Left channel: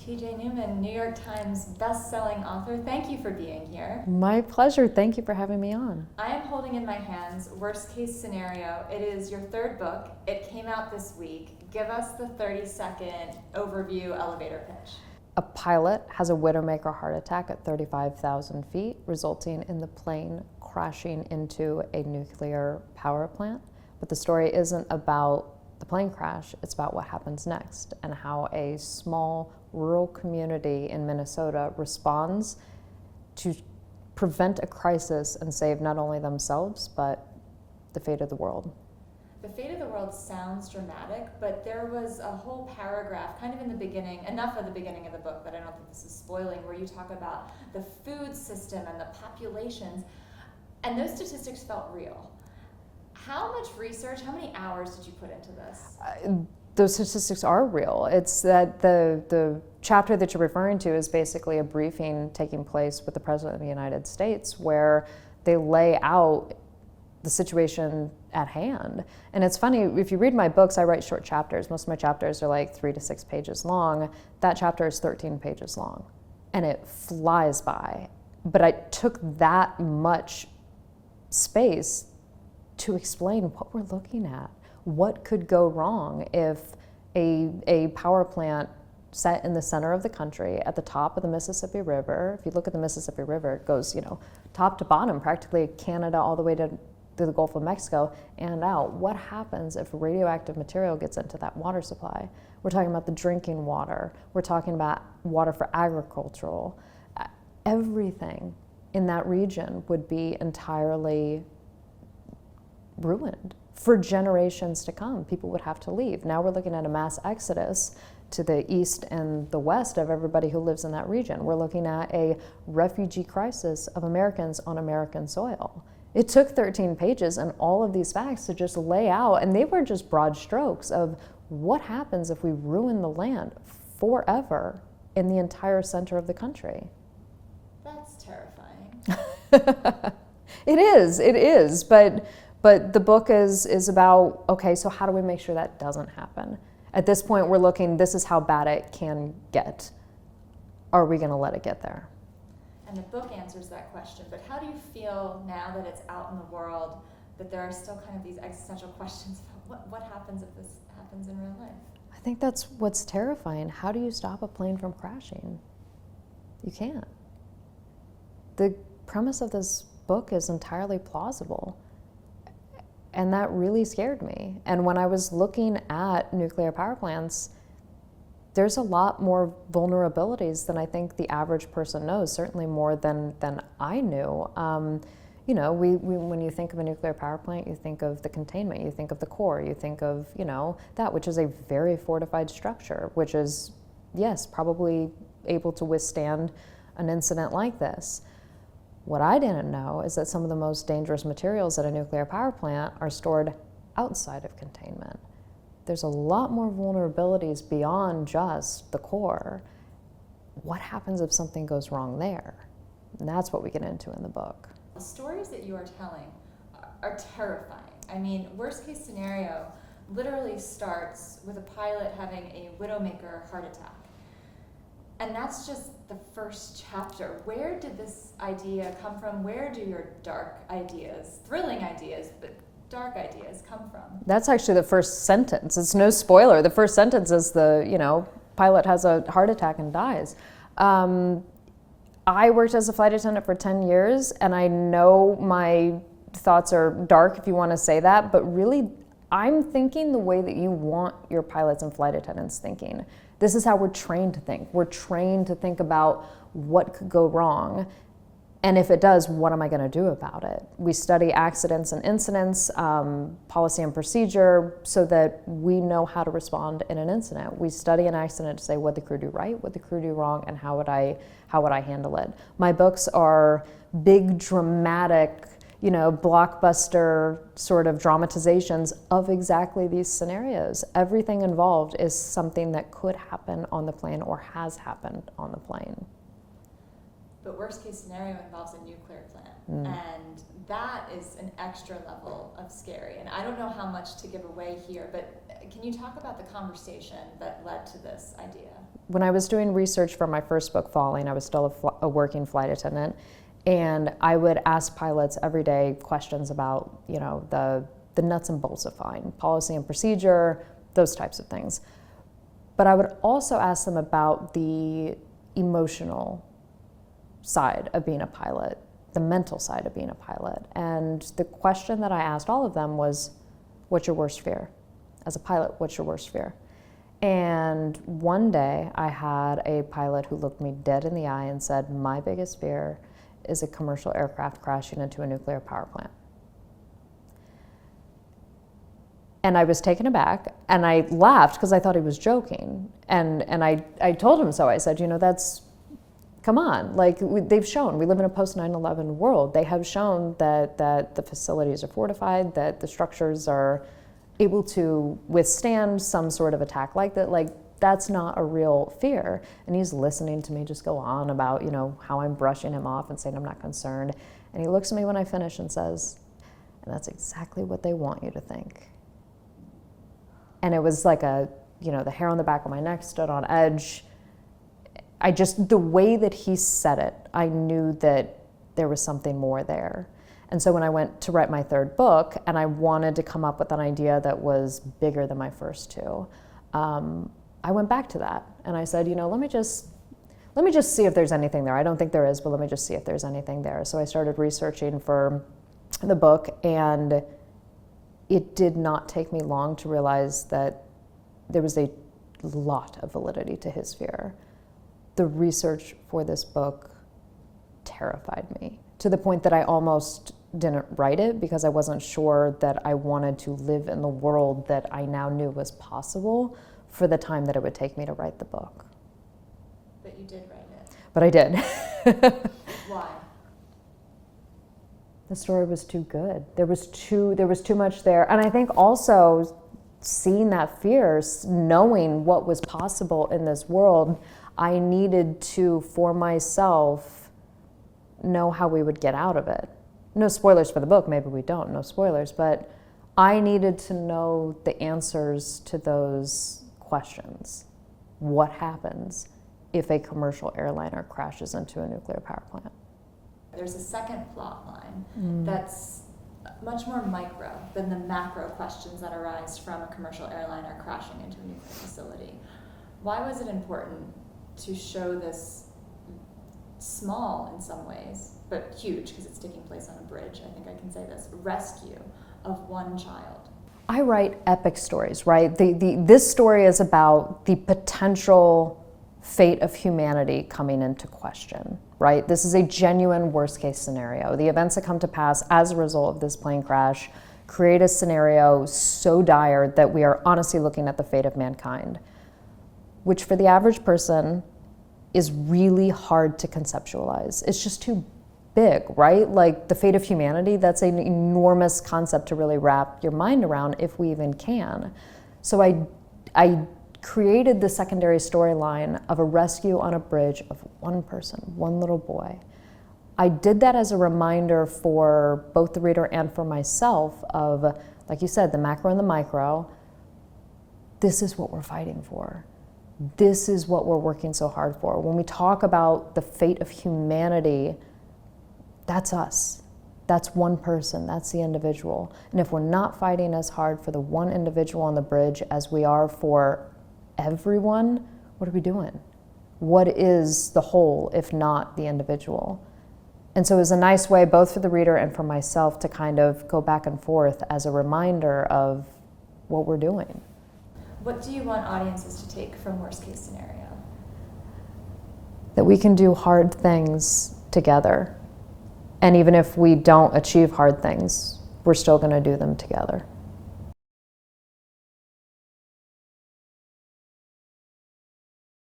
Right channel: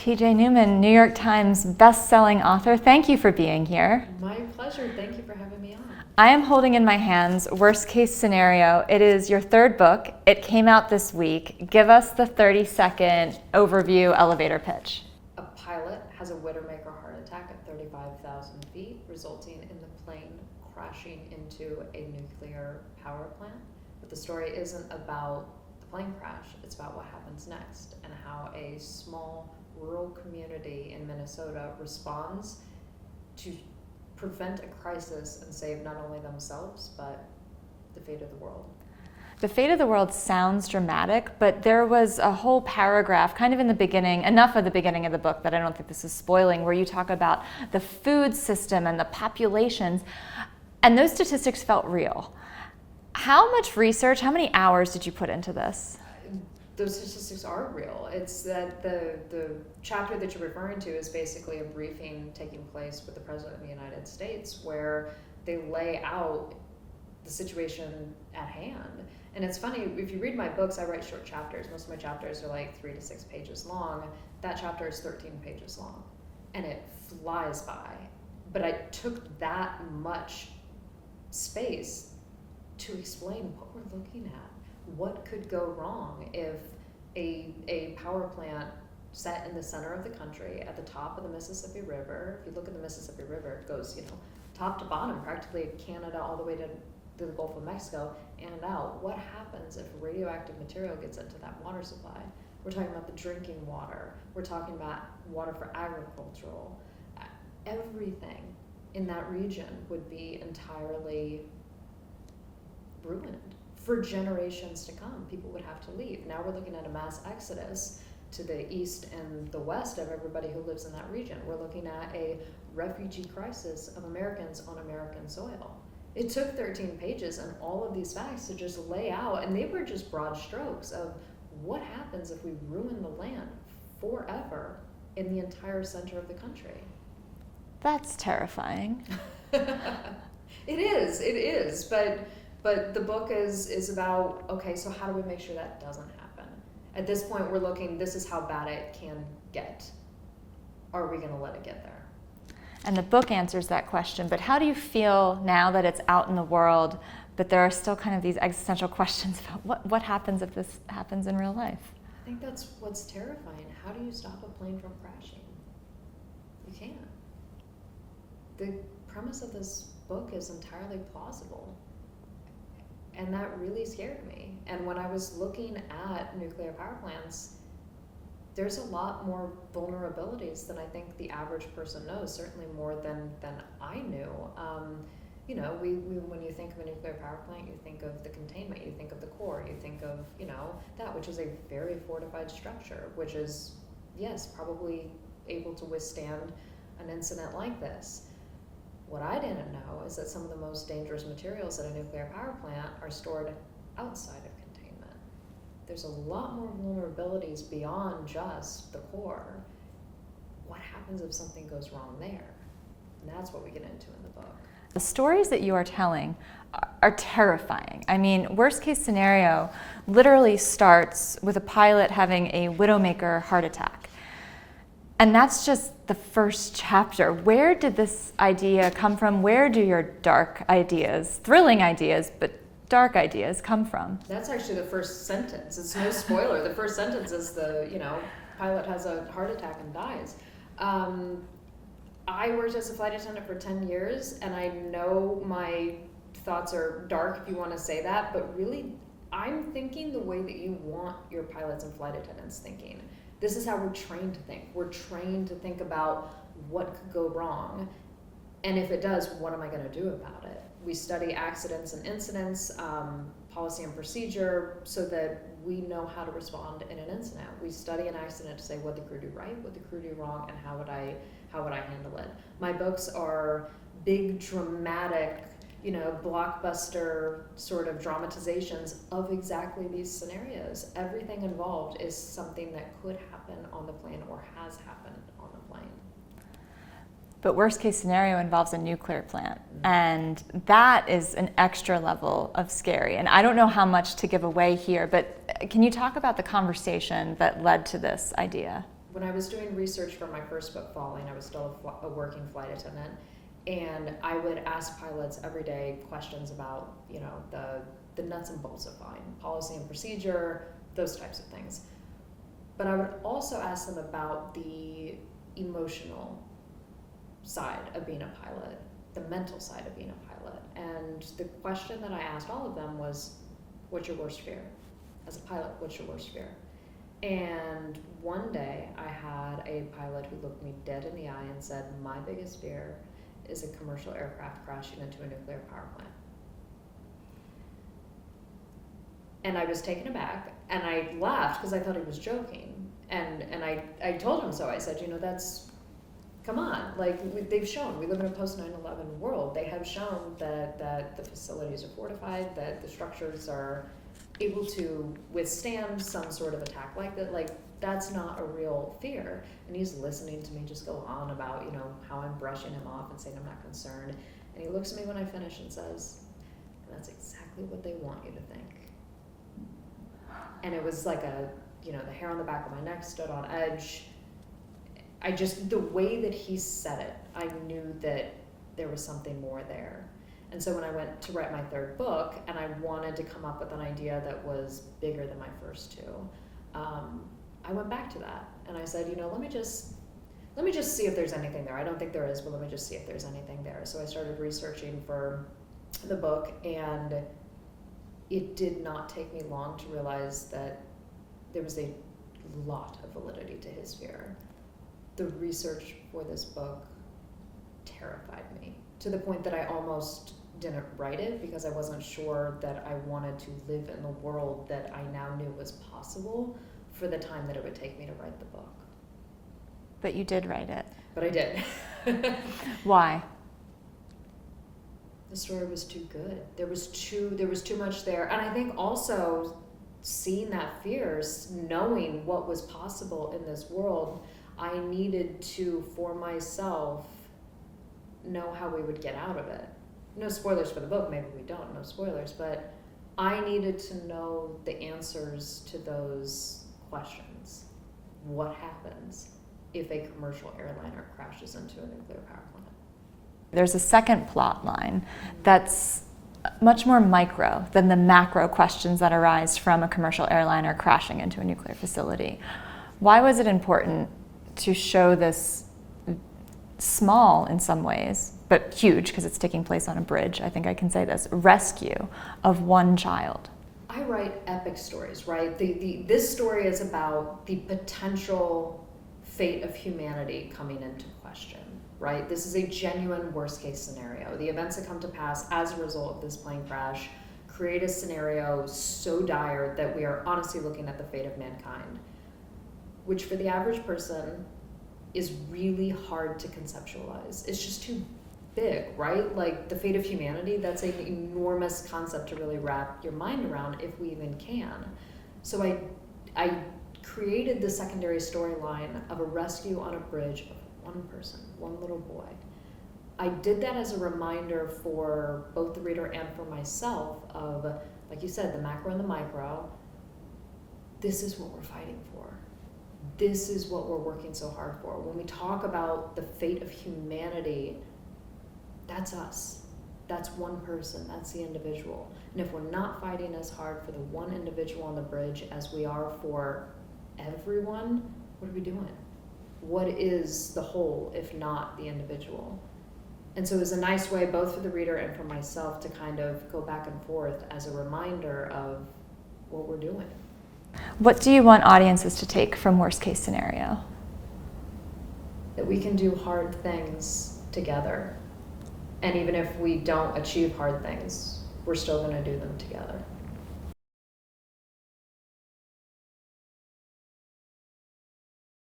TJ Newman, New York Times best-selling author, thank you for being here. My pleasure. Thank you for having me on. I am holding in my hands Worst Case Scenario. It is your third book. It came out this week. Give us the 30-second overview elevator pitch. A pilot has a widowmaker heart attack at 35,000 feet, resulting in the plane crashing into a nuclear power plant. But the story isn't about the plane crash, it's about what happens next and how a small rural community in Minnesota responds to prevent a crisis and save not only themselves, but the fate of the world. The fate of the world sounds dramatic, but there was a whole paragraph kind of in the beginning, enough of the beginning of the book that I don't think this is spoiling, where you talk about the food system and the populations, and those statistics felt real. How much research, how many hours did you put into this? Those statistics are real. It's that the chapter that you're referring to is basically a briefing taking place with the President of the United States where they lay out the situation at hand. And it's funny, if you read my books, I write short chapters. Most of my chapters are like 3 to 6 pages long. That chapter is 13 pages long. And it flies by. But I took that much space to explain what we're looking at. What could go wrong if a power plant set in the center of the country at the top of the Mississippi River, if you look at the Mississippi River, it goes, top to bottom, practically Canada all the way to the Gulf of Mexico and out. What happens if radioactive material gets into that water supply? We're talking about the drinking water. We're talking about water for agricultural. Everything in that region would be entirely ruined for generations to come. People would have to leave. Now we're looking at a mass exodus to the east and the west of everybody who lives in that region. We're looking at a refugee crisis of Americans on American soil. It took 13 pages and all of these facts to just lay out, and they were just broad strokes of what happens if we ruin the land forever in the entire center of the country. That's terrifying. It is, but the book is about, okay, so how do we make sure that doesn't happen? At this point, we're looking, this is how bad it can get. Are we going to let it get there? And the book answers that question, but how do you feel now that it's out in the world, but there are still kind of these existential questions about what happens if this happens in real life? I think that's what's terrifying. How do you stop a plane from crashing? You can't. The premise of this book is entirely plausible. And that really scared me. And when I was looking at nuclear power plants, there's a lot more vulnerabilities than I think the average person knows, certainly more than I knew. When you think of a nuclear power plant, you think of the containment, you think of the core, you think of, that, which is a very fortified structure, which is, yes, probably able to withstand an incident like this. What I didn't know is that some of the most dangerous materials at a nuclear power plant are stored outside of containment. There's a lot more vulnerabilities beyond just the core. What happens if something goes wrong there? And that's what we get into in the book. The stories that you are telling are terrifying. I mean, worst case scenario literally starts with a pilot having a widowmaker heart attack. And that's just the first chapter. Where did this idea come from? Where do your dark ideas, thrilling ideas, but dark ideas come from? That's actually the first sentence. It's no spoiler. The first sentence is pilot has a heart attack and dies. I worked as a flight attendant for 10 years, and I know my thoughts are dark, if you want to say that, but really, I'm thinking the way that you want your pilots and flight attendants thinking. This is how we're trained to think. We're trained to think about what could go wrong. And if it does, what am I going to do about it? We study accidents and incidents, policy and procedure, so that we know how to respond in an incident. We study an accident to say what the crew do right, what the crew do wrong, and how would I handle it. My books are big, dramatic, blockbuster sort of dramatizations of exactly these scenarios. Everything involved is something that could happen on the plane or has happened on the plane. But worst case scenario involves a nuclear plant. And that is an extra level of scary. And I don't know how much to give away here, but can you talk about the conversation that led to this idea? When I was doing research for my first book, Falling, I was still a working flight attendant. And I would ask pilots every day questions about, the nuts and bolts of flying, policy and procedure, those types of things. But I would also ask them about the emotional side of being a pilot, the mental side of being a pilot. And the question that I asked all of them was, what's your worst fear? As a pilot, what's your worst fear? And one day I had a pilot who looked me dead in the eye and said, my biggest fear is a commercial aircraft crashing into a nuclear power plant. And I was taken aback, and I laughed because I thought he was joking. And I told him so. I said, come on, they've shown, we live in a post 9/11 world. They have shown that the facilities are fortified, that the structures are able to withstand some sort of attack like that. That's not a real fear. And he's listening to me just go on about, how I'm brushing him off and saying I'm not concerned. And he looks at me when I finish and says, and that's exactly what they want you to think. And it was like the hair on the back of my neck stood on edge. The way that he said it, I knew that there was something more there. And so when I went to write my third book and I wanted to come up with an idea that was bigger than my first two, I went back to that and I said, let me just see if there's anything there. I don't think there is, but let me just see if there's anything there. So I started researching for the book, and it did not take me long to realize that there was a lot of validity to his fear. The research for this book terrified me to the point that I almost didn't write it because I wasn't sure that I wanted to live in the world that I now knew was possible for the time that it would take me to write the book. But you did write it. But I did. Why? The story was too good. There was too much there. And I think also seeing that fear, knowing what was possible in this world, I needed to, for myself, know how we would get out of it. No spoilers for the book, maybe we don't, no spoilers, but I needed to know the answers to those questions. What happens if a commercial airliner crashes into a nuclear power plant? There's a second plot line that's much more micro than the macro questions that arise from a commercial airliner crashing into a nuclear facility. Why was it important to show this small in some ways, but huge because it's taking place on a bridge, I think I can say this, rescue of one child? I write epic stories, right? This story is about the potential fate of humanity coming into question, right? This is a genuine worst case scenario. The events that come to pass as a result of this plane crash create a scenario so dire that we are honestly looking at the fate of mankind, which for the average person is really hard to conceptualize. It's just too big, right? The fate of humanity, that's an enormous concept to really wrap your mind around if we even can. So I created the secondary storyline of a rescue on a bridge of one person, one little boy. I did that as a reminder for both the reader and for myself of, like you said, the macro and the micro. This is what we're fighting for. This is what we're working so hard for. When we talk about the fate of humanity, that's us. That's one person, that's the individual. And if we're not fighting as hard for the one individual on the bridge as we are for everyone, what are we doing? What is the whole if not the individual? And so it was a nice way, both for the reader and for myself, to kind of go back and forth as a reminder of what we're doing. What do you want audiences to take from worst case scenario? That we can do hard things together. And even if we don't achieve hard things, we're still going to do them together.